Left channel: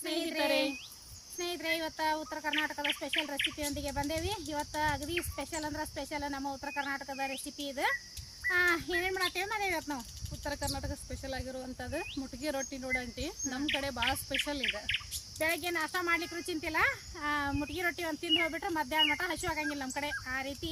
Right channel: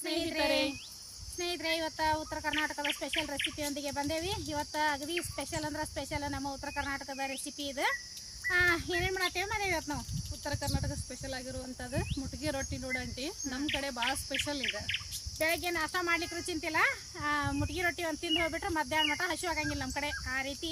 ಸ್ನೇಹಿತರೆ ಸ್ನೇಹಿತರೆ ಇವತ್ತು ಉತ್ತರ ಕರ್ನಾಟಕದ ಸ್ಪೆಷಲ್ ರೆಸಿಪಿಯೊಂದಿಗೆ ಬಂದೇವಿ. ಇವತ್ತು ಅಗದಿ ಸ್ಪೆಷಲ್ ಅಂದ್ರೆ ಸ್ಪೆಷಲ್ ನಮ್ಮ ಉತ್ತರ ಕರ್ನಾಟಕದ ರೆಸಿಪಿ ಇದು. ಏನೇನು ಮಾಡತ್ತೇವೆ ಮನೆ ಇವತ್ತು ನಾವು? ಉತ್ತರ ಕರ್ನಾಟಕ ಸ್ಪೆಷಲ್ ಆಗಿರುವಂಥದ್ದು ಮುಟ್ಗಿ ರೊಟ್ಟಿ ನೋಡಂಟಿ ನಮ್ಮ ಕಡೆ ಭಾಳ ಸ್ಪೆಷಲ್ ಇದೆ. ಬೆಳಗ್ಗೆ ನಾಷ್ಟ ಮಾಡ್ಲಿಕ್ಕೆ ಚಿಂತಿಲ್ಲ. ಮುಟ್ಗಿ ರೊಟ್ಟಿ ಒಂದು ತಿಂದು ಹೋಗ್ಬಿಟ್ರೆ ಮಧ್ಯಾಹ್ನ ಮಟ ಹಸಿವು ಆಗಂಗಿಲ್ಲ ನಮ್ಮ ಕಡೆ ಆ ರೀತಿ.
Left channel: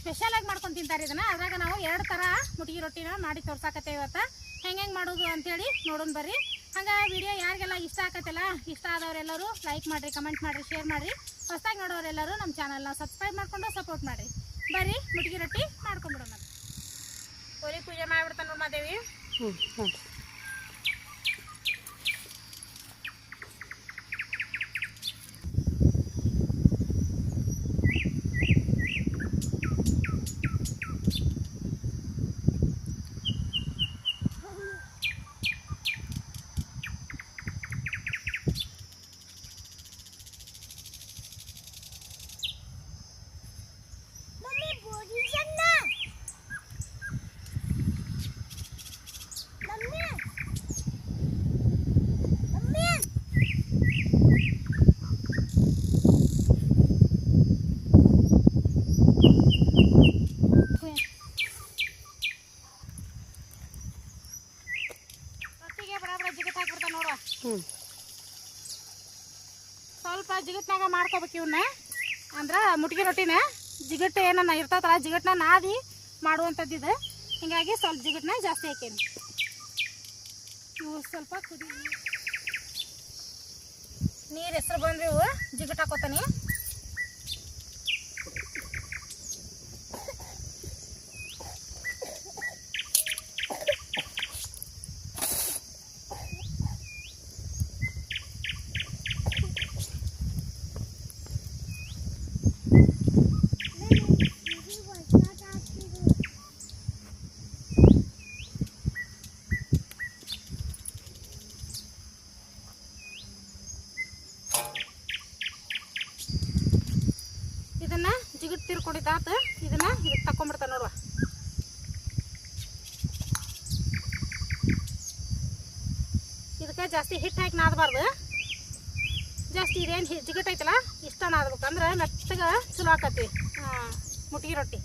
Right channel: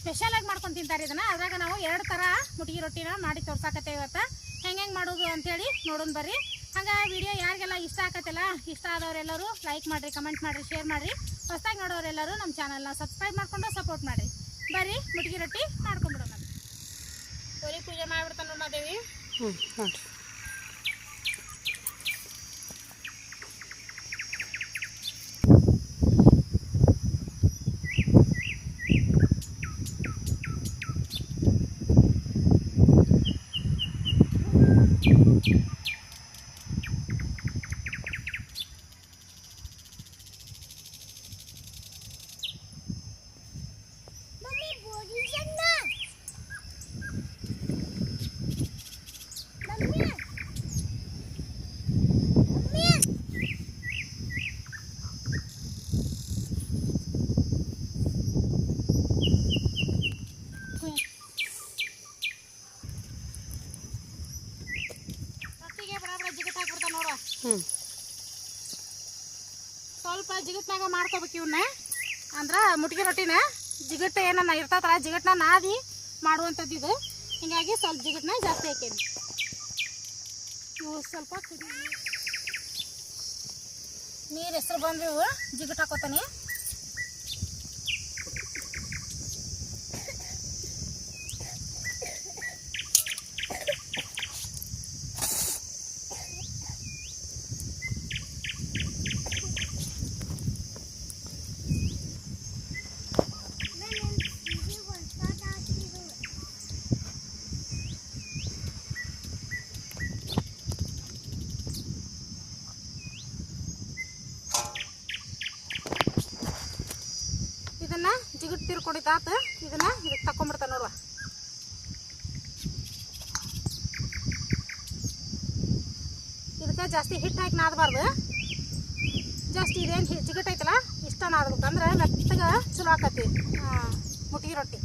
ಸ್ಪೆಷಲ್ ಆಗಿ ಮಾಡ್ಕೊಂಡು ತಿಂತಾರೆ ಇದನ್ನು. ಅದ್ರಾಗ ನಾವು ಎರಡು ಥರ ಮುಟ್ಗಿ ರೊಟ್ಟಿನ ಮಾಡಿ ತೋರ್ಸಾಕತ್ತೇವೆ ಇವತ್ತು. ಹೆಂಗೆ ಹೆಂಗೆ ಮಾಡೋದು ಅಂಥೇಳಿ ನೋಡೋಣ ಬರ್ರಿ. ಹಂಗೆ ವಿಡಿಯೋ ಯಾರಿಗೆಲ್ಲ ಇಷ್ಟ ಆಗತ್ತಲ್ಲ ಇಷ್ಟ ಆದವರೆಲ್ಲರೂ ಲೈಕ್ ಮಾಡಿರಿ ಕಮೆಂಟ್ ಮಾಡಿರಿ ಶೇರ್ ಮಾಡಿರಿ. ಹೊಸದಾಗಿ ನೋಡೋರೆಲ್ಲರೂ ನಮ್ಮ ಚಾನಲ್ನ ಸಬ್ಸ್ಕ್ರೈಬ್ ಮಾಡ್ಕೊಂಡು ಸಪೋರ್ಟ್ ಮಾಡಿರಿ. ಬರ್ರಿ ಮುಟ್ಗಿ ರೊಟ್ಟಿ ಮಾಡ್ಕೊಂಬಿಡೋಣ. ಪೂರಿ ಪೂಜೆ ಮಾಡಿಬಿಡ್ತಾನೆ ನೋಡಿ ಮಾದೇವಿ ಹ್ಞೂ ನೋಡಿರಿ ರೊಟ್ಟಿಗೆ ಬರಾಬರ ಜಿಗಟ್ ಹಾಕ್ಬಿಡ್ತಾನೆ ನೋಡು ಹ್ಞೂ ಸ್ವಲ್ಪ ಜಿಗಟ್ನಾಗ ಮಾಡ್ಕೋಬೇಕು ಇವನ್ನ ಅಂದ್ರೆ ಮುಟ್ಗಿ ರೊಟ್ಟಿನ ಜಿಗಟ್ ಏನನ್ನ ಇರ್ತೈತಲ್ಲ ಜಿಗಟ್ನ ನಾದಿ ಮಾಡುವಂಥದ್ದು ಇದು. ಹಿಂಗಾಗಿ ಸ್ವಲ್ಪ ಜಿಗಟ್ನ ಜಾಸ್ತಿ ಹಾಕೇನಿ. ಸ್ವಲ್ಪ ಕುದಿ ನೀರು ಹೆಸರು ಬಂದ್ರೆ ಇವು ಜಿಗಟ್ ಹಾಕೋತಾನೆ ಇದನ್ನ ಜಿಗಟ್ ತಿರ್ಕೊಂಡಿದ್ದಾತ ಇದನ್ನ ಇದಕ್ಕೆ ತಕೊಂಡ್ಬಿಡ್ತಾನೆ ನೋಡುವ. ಇದಕ್ಕೆ ಜಾಸ್ತಿ ಹಿಟ್ಟು ಹಾಕಿ ನಾದಬಾರ್ದು. ಜಾಸ್ತಿ ಇದೇನು ಜಿಗಟ್ ಐತಲ್ಲ ಇಷ್ಟ ನಾದ್ಬೇಕಂದ್ರೆ ಮೆತ್ತಗೆ ಚಲೋ ಆಕತಿ. ಮುಟ್ಗಿ ರೊಟ್ಟಿ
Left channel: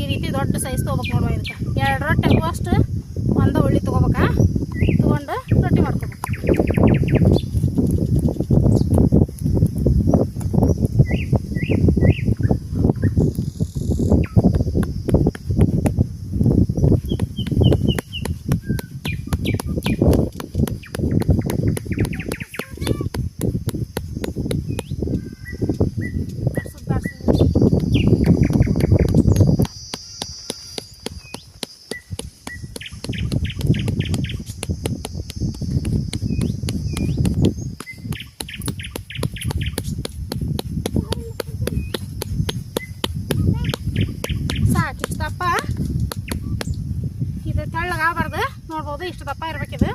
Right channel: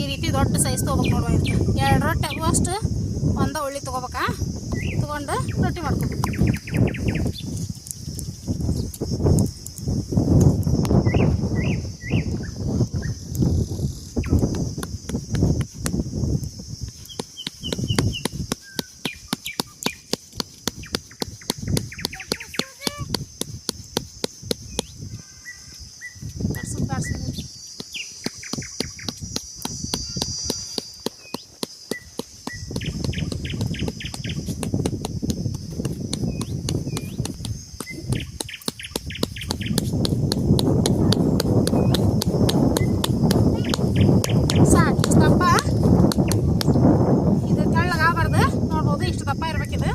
ಈ ರೀತಿ ದೊಡ್ಡ ಸೈಜ್ ತೊಗೋಬೇಕು ನೋಡುವ ಇದಕ್ಕೆ. ಎರಡು ರೊಟ್ಟಿ ಆಗುವಷ್ಟು ಒಂದು ಉಳ್ಳಿ ತೊಗೋಬೇಕಾ? ತೊಗೊಂಡು ರೊಟ್ಟಿ ಮಾಡ್ಕೋಬೇಕು. tá pai, era aqui, né?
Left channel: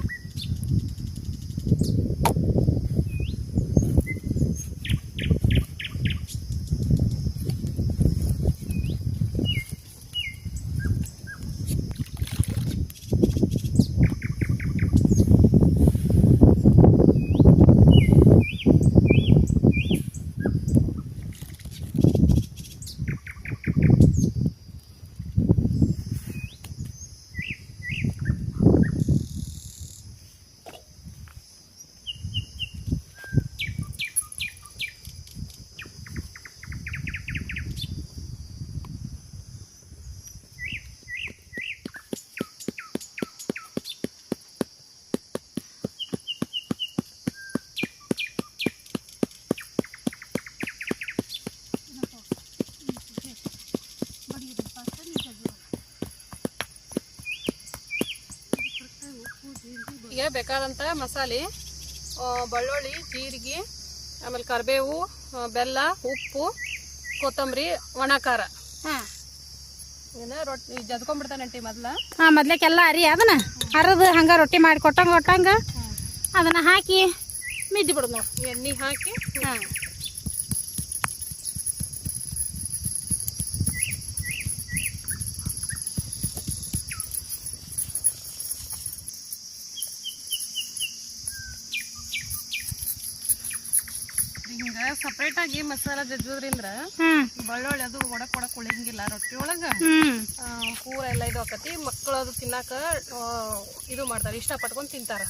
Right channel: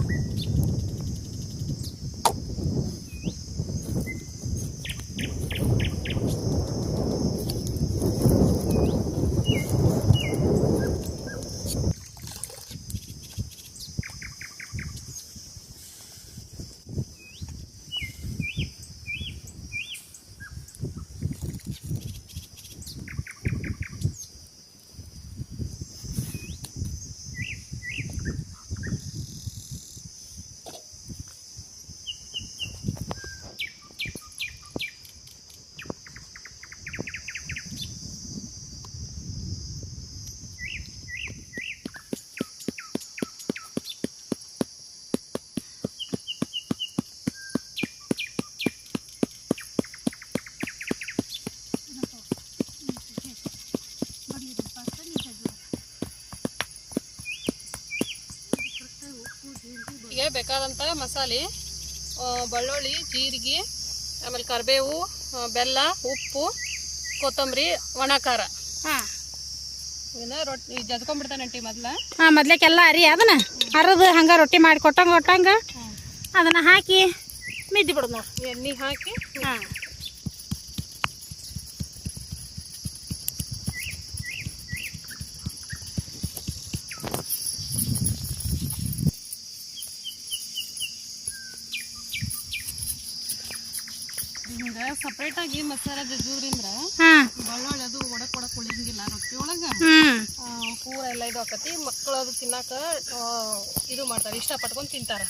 ಬೇಕಾದಂಥ ಮಸಾಲೆ ಬೆಳ್ಳುಳ್ಳಿ ಜೀರಿಗೆ ಆಮೇಲೆ ಕರಿಬೇವು ಬೆಲ್ಲ ಉಪ್ಪು ಕೊತ್ತಂಬರಿ ಒಣ ಖಾರ ಹಾಂ ರೊಟ್ಟಿ ಜದ್ಕೊಂಡ್ಬಿಡ್ತಾನಂಟಿ ಮೊದ್ಲ. ಹಾಂ ಮೊದ್ಲಕ್ಕೆಲ್ಲ ಅರಿ ಅದನ್ನ. ಅರದು ಹಂಗೆ ರೊಟ್ಟಿ ಮಾಡಿ ಕೊಟ್ಟಂಗೆ ಕೊಟ್ಟಂಗೆ ಅದನ್ನು ಹಾಕಿ ಮಿದ್ದಿ ಬಿಡೋದು ನೋಡಿ. ಎಣ್ಣೆ ಹಾಕಿ. ಹಾಂ. ಹಿಂಗ ಸಪ್ರೇಟ್ ಆಗಿ ಮಸಾಲ ಜಜ್ಜೋದ್ರಿಂದ ಬೆಳ್ಳುಳ್ಳಿ ಅದು ಒಡಕ್ ಒಡಕ್ ಉಳಿಯಂಗಿಲ್ಲ ರೊಟ್ಟಿ ಒಳಗ. ಪೂರ ಎಲ್ಲ ಇದು ಆಕತಿ. ಮಕ್ಕಳು ಅದು ತಿನ್ನಾಕ ಇದು ಮಾಡ್ತಾರೆ ಇಷ್ಟ ಪಟ್ಕೊಂಡು ತಿಂತಾರ.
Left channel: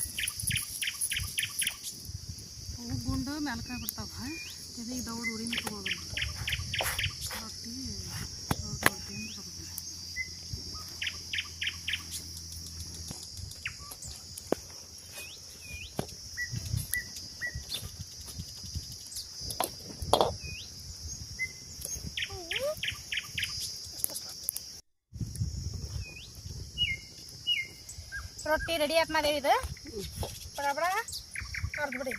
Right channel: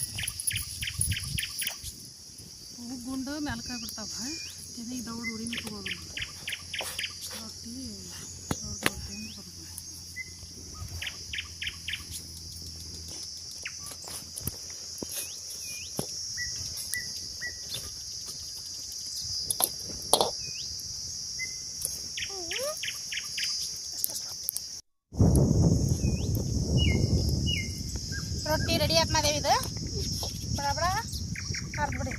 ಗುಂಡು ಮೆಲ್ಕ ಬಿಡ್ತಾವ ಇದು ದೌಡ್ ಉರಿನ ತಗೋದು ರೊಟ್ಟಿ ರೊಟ್ಟಿ ರೆಡಿ ಆತ್ ಮಾದೇವಿ ಇದು. ಬಡ ಬಡ ಕರ್ದು ಬಿಡಿ.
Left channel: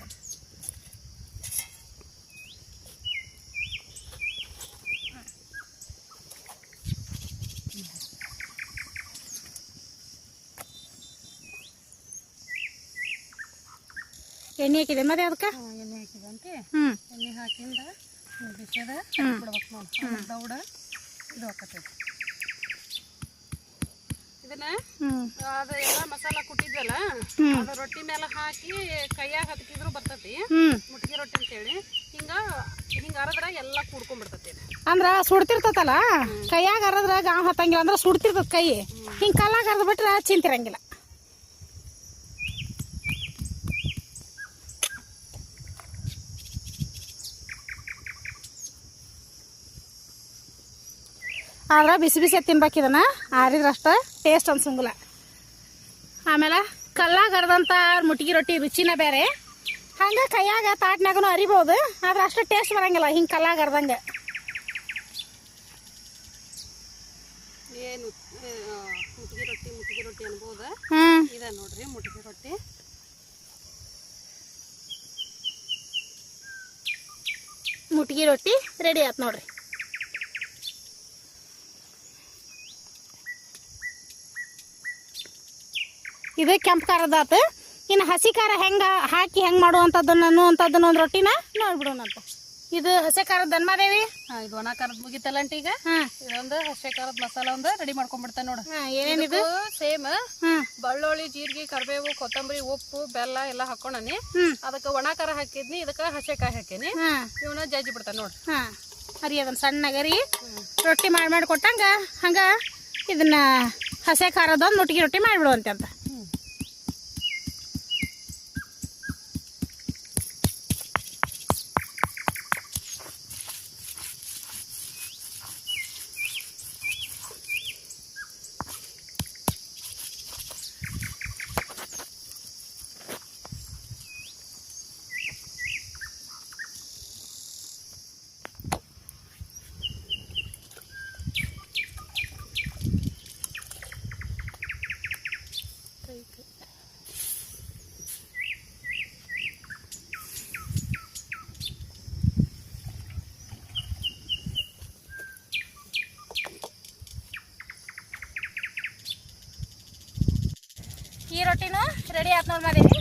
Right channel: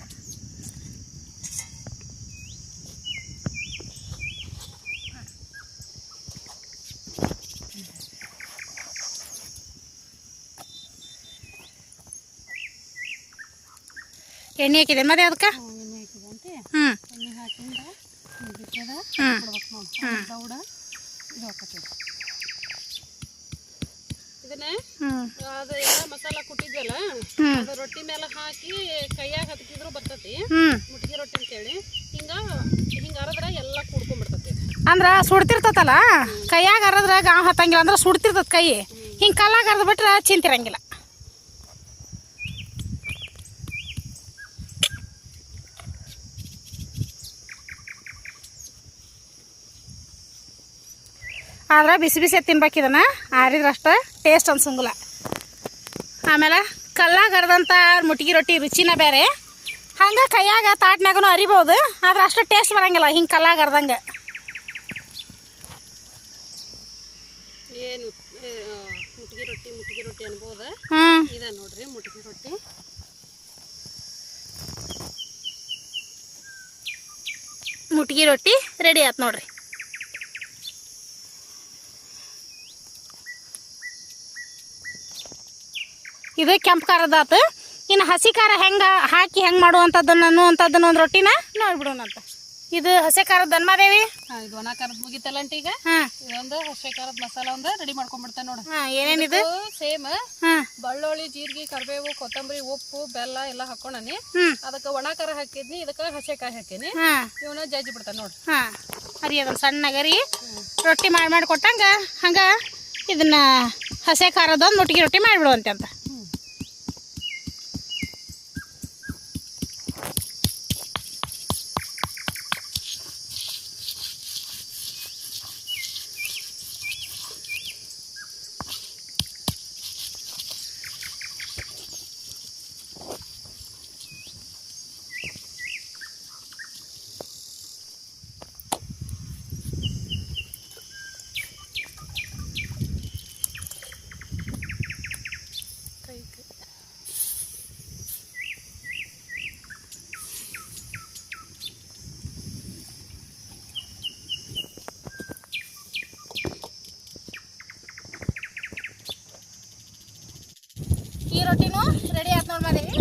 ಎಣ್ಣೆ ಹಾಕಿದೆ ಮತ್ತೆ ಅದಕ್ಕೆ? ಎಣ್ಣೆ ಹಾಕಿದೆ ಅಂತ. ಎಣ್ಣೆ ಹಾಕಿಂದ ಬಿಟ್ಟದ ನೋಡಿ. ದೌಡ ಇದು ಹಾಕತ್ತೆ ಇದನ್ನ ಅದು ಎಲ್ಲ ಮಸಾಲ ಕುಟ್ಟಿದ್ವಲ್ಲ. ಅದು ರೊಟ್ಟಿ ಮೇಲೆ ಹಾಕಿ ಕೈಯಾಗ ಹತ್ಕಿದ್ರು ಬರ್ತತಿ ಮುಟ್ಗಿ ರೊಟ್ಟಿ ಅಂತೇಳಿ ಹಿಂಗ ಹಿಂಗ ಅರದ್ರ ಎಲ್ಲಾ ಕುಡ್ಕೊಂಡ್ಬಿಡ್ತತಿ ಇದು. ಅಂದ್ರ ಸುಡ್ತಿರ್ತತಲ್ಲ ಕೈಯಾಗ ಅರದ್ರ ಗಾವ್ ಹತ್ತಂಗಿಲ್ಲ ಅಂದ್ರ ಸುಡ್ತಿರ್ತದ ಕೈ ಹಿಂಗ ಕಲ್ಲಾಗ ಅರ್ದ್ ಬಿಟ್ರ ಚಿಂತಿರಂಗಿಲ್ಲ ಆದ್ರ ಬಿಸಿ ಬಿಸಿ ತಿನ್ಬೇಕು ಆರಿದ್ರಷ್ಟ ಟೇಸ್ಟ್ ಅನ್ಸಂಗಿಲ್ಲ. ಆಮೇಲೆ ಕಲ್ಲಾಗ ಅರ್ದಂತ ಮುಟ್ಗಿ ರೊಟ್ಟಿ ರುಚಿನ ಬೇರೆ ಹಂಗೆ ಕೈಯಾಗ ತಾಟ್ನಾಗೂ ಅರಿಬೋದು ಆದ್ರೆ ಅಷ್ಟು ಟೇಸ್ಟ್ ಬರಂಗಿಲ್ಲ ಹಿಂಗೆ ಕಲ್ಲಾಗ ಅರ್ದಂಗೆ ಮುಟ್ಗಿ ರೊಟ್ಟಿ ಮುಟ್ಗಿ ರೊಟ್ಟಿ ಅನ್ಬೋದು? ಇದೆ ಇದ ನೋಡ್ರಿ ಮುಟ್ಗಿ ರೊಟ್ಟಿ. ಮುಟ್ಗಿ ರೊಟ್ಟಿ ರೆಡಿ ಆಯ್ತು ನೋಡ್ರಿ. ಇದು ಕೆಂಪು ಖಾರದ ಆತು ಇನ್ನು ಹಸಿ ಖಾರ ಹೆಂಗೆ ಹಾಕಿ ಹೆಂಗೆ ಮಾಡುವಂಥದ್ದನ್ನು ಅನ್ನುವಂಥದ್ದನ್ನು ಒಂದು ರೊಟ್ಟಿನ ನೋಡ್ಬಿಡೋಣಂತ. ಇದು ಹಸಿ ಖಾರದ ಧನ್ಮಾದೇವಿ ಇದು ಒಣ ಖಾರದ ಮುಗಿತಲ್ಲಂಟಿ ಈಗ? ಇದೊಂದು ಹಸಿ ಖಾರದ ಮಸಾಲ ಒಂದು ರೆಡಿ ಮಾಡ್ಕೊಂಡ್ಬಿಡ್ತಾನೆ ನೋಡ. ಏನೇನಿದು ಸೇಮ್ ಬಳ್ಳೊಳ್ಳಿ ಬೆಳ್ಳುಳ್ಳಿ ಜೀರಿಗೆ ಕರಿಬೇವು ಕೊತ್ತಂಬರಿ ಉಪ್ಪು ಬೆಲ್ಲ ಎಲ್ಲ ಹಾಕೊಂಡನಿ ಅದಕ್ಕೆ ಒಣ ಖಾರ ಹಾಕಿದ್ನಿ ಇದಕ್ಕೆ ಹಸೆಕಾಯಿ ಹಾಕೀನಿ. ಹಾಂ. ಇವನ ಜಜ್ಜಿ ಬಿಡ್ತಾನೆ ನೋಡಿ. ಹಾಂ. ಅರಿ ಅದನ್ನು ಸಣ್ಣಗರಿ ರೊಟ್ಟಿ ಮಾಡಿ ಮಾಡಿ ಕೊಟ್ಟಂಗೆ ಹಂಗೆ ಇದನ್ನ ಹಸೆ ಖಾರದೊಂದು ಮುಟ್ಗಿ ರೊಟ್ಟಿ ಮಾಡಿಬಿಡುವಂತೆ ಅಂತ ಕೈ ಕೈ ಈ ರೊಟ್ಟಿನೂ ಮಾದೇವಿ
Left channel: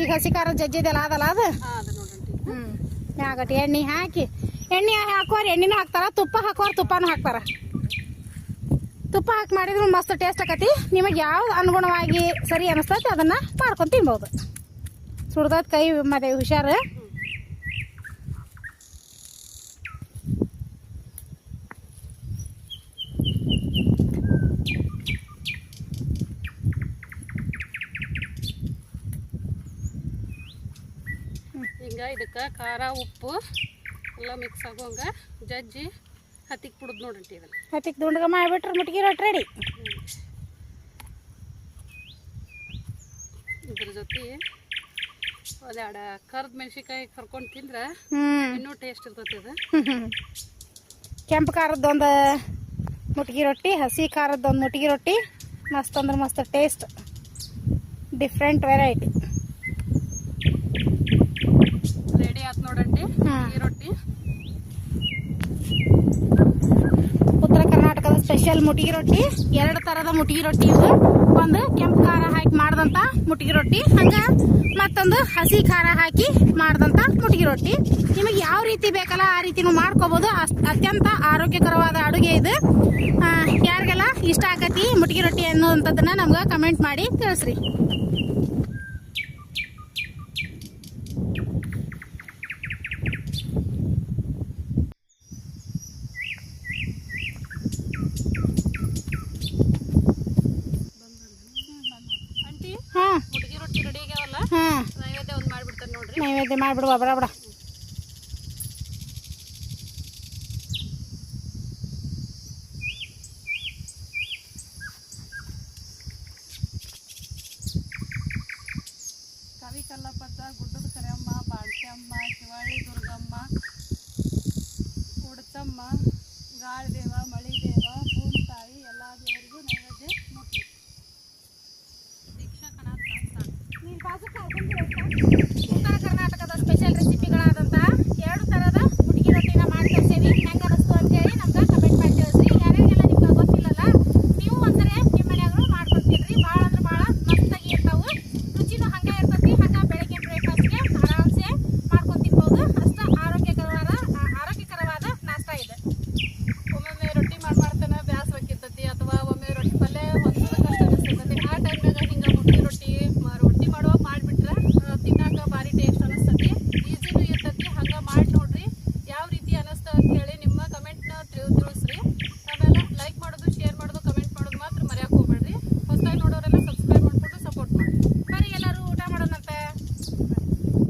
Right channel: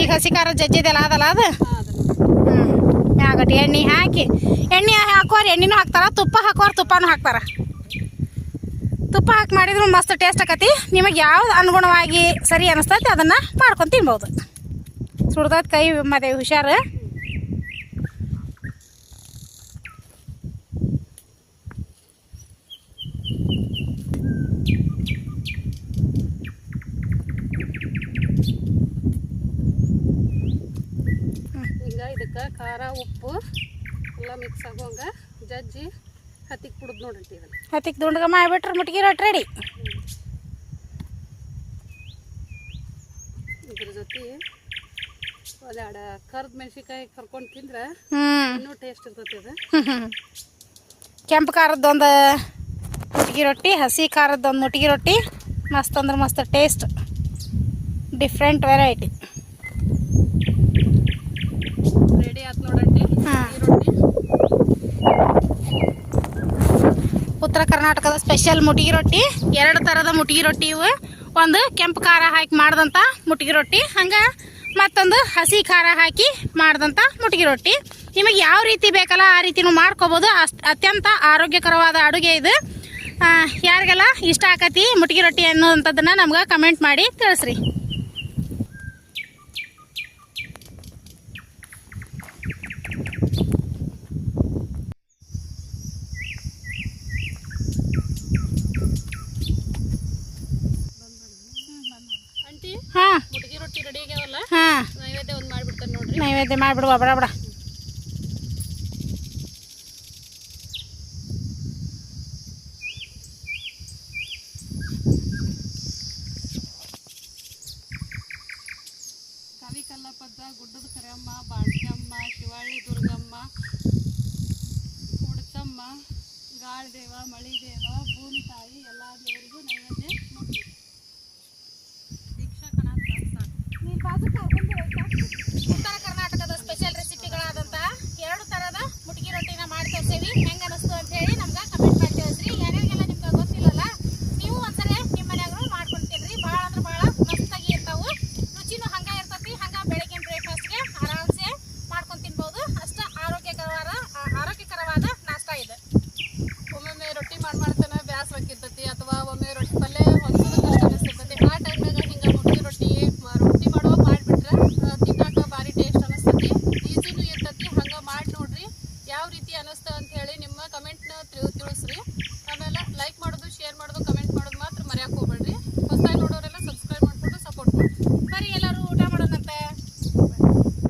ಈಗ ಹಸಿಕಾರ ಜಜ್ಜಿದೆಲ್ಲ ಅದಲ್ಲ ಅದು? ಹ್ಞೂ ಎಣ್ಣೆ ಹಾಕಿ. ಎಣ್ಣೆ ಹಾಕೋರು ಎಣ್ಣೆನೂ ಹಾಕ್ತಾರ, ತುಪ್ಪ ಹಾಕೋರು ತುಪ್ಪನೂ ಹಾಕ್ತಾರ. ತುಪ್ಪ ಹಾಕಿ ಮಾಡಿದ್ರು ಮಸ್ತ್ ಟೇಸ್ಟ್ ಆಕತಿ. ನಿಮಗೆ ಯಾವ್ದು ಅನುಗುಣವಾಗಿ ಸರಿ ಅನಿಸ್ತೈತಿ ಅದನ್ನು ಮಾಡ್ಕೊಂಡು ತಿನ್ಬೋದು. ಸುಡ್ದ ಕೈ ಮತ್ತೆ ಹುಷಾರು. ಹಿಂಗ ಇದಕ್ಕೆ ಖಾರ ಉಪ್ಪು ಎಲ್ಲ ಮಿಕ್ಸ್ ಆಗೋಂಗ ಜಜ್ಜಿ ಹತ್ತಿಗೆ ಕುಡ್ದು ನೋಡ್ರಿ ಇದನ್ನ. ಹತ್ತಿಗೆ ದುಂಡ್ಗ ಮಾಡಿಬಿಟ್ರೆ ಮುಟ್ಗಿ ರೊಟ್ಟಿ ರೆಡಿ. ಇದ್ರ ಜೊತೆ ಒಂದೆರಡು ಕರ್ದ ಮೆಣಸಿನ್ಕಾಯಿ ಕರ್ಕೊಂಡು ತಿಂದ್ರೆ ಇನ್ನೂ ಟೇಸ್ಟ್ ಇರ್ತೈತಿ ಅದು. ಕೆಂಪು ಖಾರದ್ದೊಂದು ಮುಟ್ಗಿ ರೊಟ್ಟಿ ಹಸಿ ಖಾರದ್ದೊಂದು ಮುಟ್ಗಿ ರೊಟ್ಟಿ ಮಸ್ತ್ ಅಂದ್ರೆ ಮಸ್ತ್ ಟೇಸ್ಟ್ ಡಿಫ್ರೆಂಟ್ ವೆರೈಟಿ ರೆಡಿ ಆಯ್ತು ನೋಡಂಟಿ ಹಾ. ಈ ರೊಟ್ಟಿ ಉತ್ತರ ಕರ್ನಾಟಕದ ಸ್ಪೆಷಲ್ ಮುಟ್ಗಿ ರೊಟ್ಟಿ, ಎರಡು ಥರದ ಮುಟ್ಗಿ ರೊಟ್ಟಿ ಇವು. ಒಂದು ಕೆಂಪು ಖಾರ ಹಾಕಿ ಮಾಡಿದಂಥ ಮುಟಿಗಿ ರೊಟ್ಟಿ, ಹಂಗೆ ಮತ್ತೊಂದು ಹಸಿ ಖಾರ ಹಾಕಿ ಮಾಡಿದಂಥ ಮುಟಿಗಿ ರೊಟ್ಟಿ. ನಿಮಗೆ ಯಾವ ರೀತಿ ಬೇಕಲ್ಲ ಆ ರೀತಿನೂ ಮಾಡ್ಕೋಬೋದು. ಅತ್ಯಂತ ಆರೋಗ್ಯಕರವಾದ ಅಡುಗೆ ಇದು. ಯಾರಿಗೆಲ್ಲ ಇಷ್ಟ ಆಕತಿ ಮುಟ್ಗಿ ರೊಟ್ಟಿ ಅನ್ನೋವಂಥದ್ದನ್ನು ನಮ್ಗೆ ಕಮೆಂಟ್ ಮಾಡಿ ತಿಳಿಸ್ರಿ ಆಂಟಿ ಹಾಂ ಮುಟ್ಗಿ ರೊಟ್ಟಿ ರೆಡಿ ಆಗ್ಯಾವಲ್ಲ ಹಾಂ ನೈವೇದ್ಯ ಒಂದು ಮಾಡಿಬಿಡ್ತಾರೆ ನೋಡ್ರಿ ನೈವೇದ್ಯ ಮಾಡಿಬಿಡುವ ಬಡ ಬಡ ಕವಿ ಕಲ್ಲಪ್ಪಜ್ಜ ಗುಡ್ಡದ ಕರಿಯಮ್ಮ ಬಾಳ್ಕಮ್ಮ ಶಿವಳ್ಳಿ ದುರ್ಗಮ್ಮ ಉಡ್ತಮ್ಮ ಗಾಳಿದೇವ, ಮಳಿದೇವ, ಭೂಮಿ ತಾಯಿ, ಎಲ್ಲ ಉತ್ತರ ಕರ್ನಾಟಕದ ಸ್ಪೆಷಲ್ ರೆಸಿಪಿಗಳಾದಂತಹ ಎರಡು ಥರದ ಹುಡುಗಿ ರೊಟ್ಟಿನ ಮಾಡಿ ತೋರಿಸೇವಿ ಹೆಂಗೆ ಅನಿಸ್ತು ಅಂತ ಹೇಳಿ ನಮ್ಗೆ ಕಮೆಂಟ್ ಮಾಡ್ತೀವಿ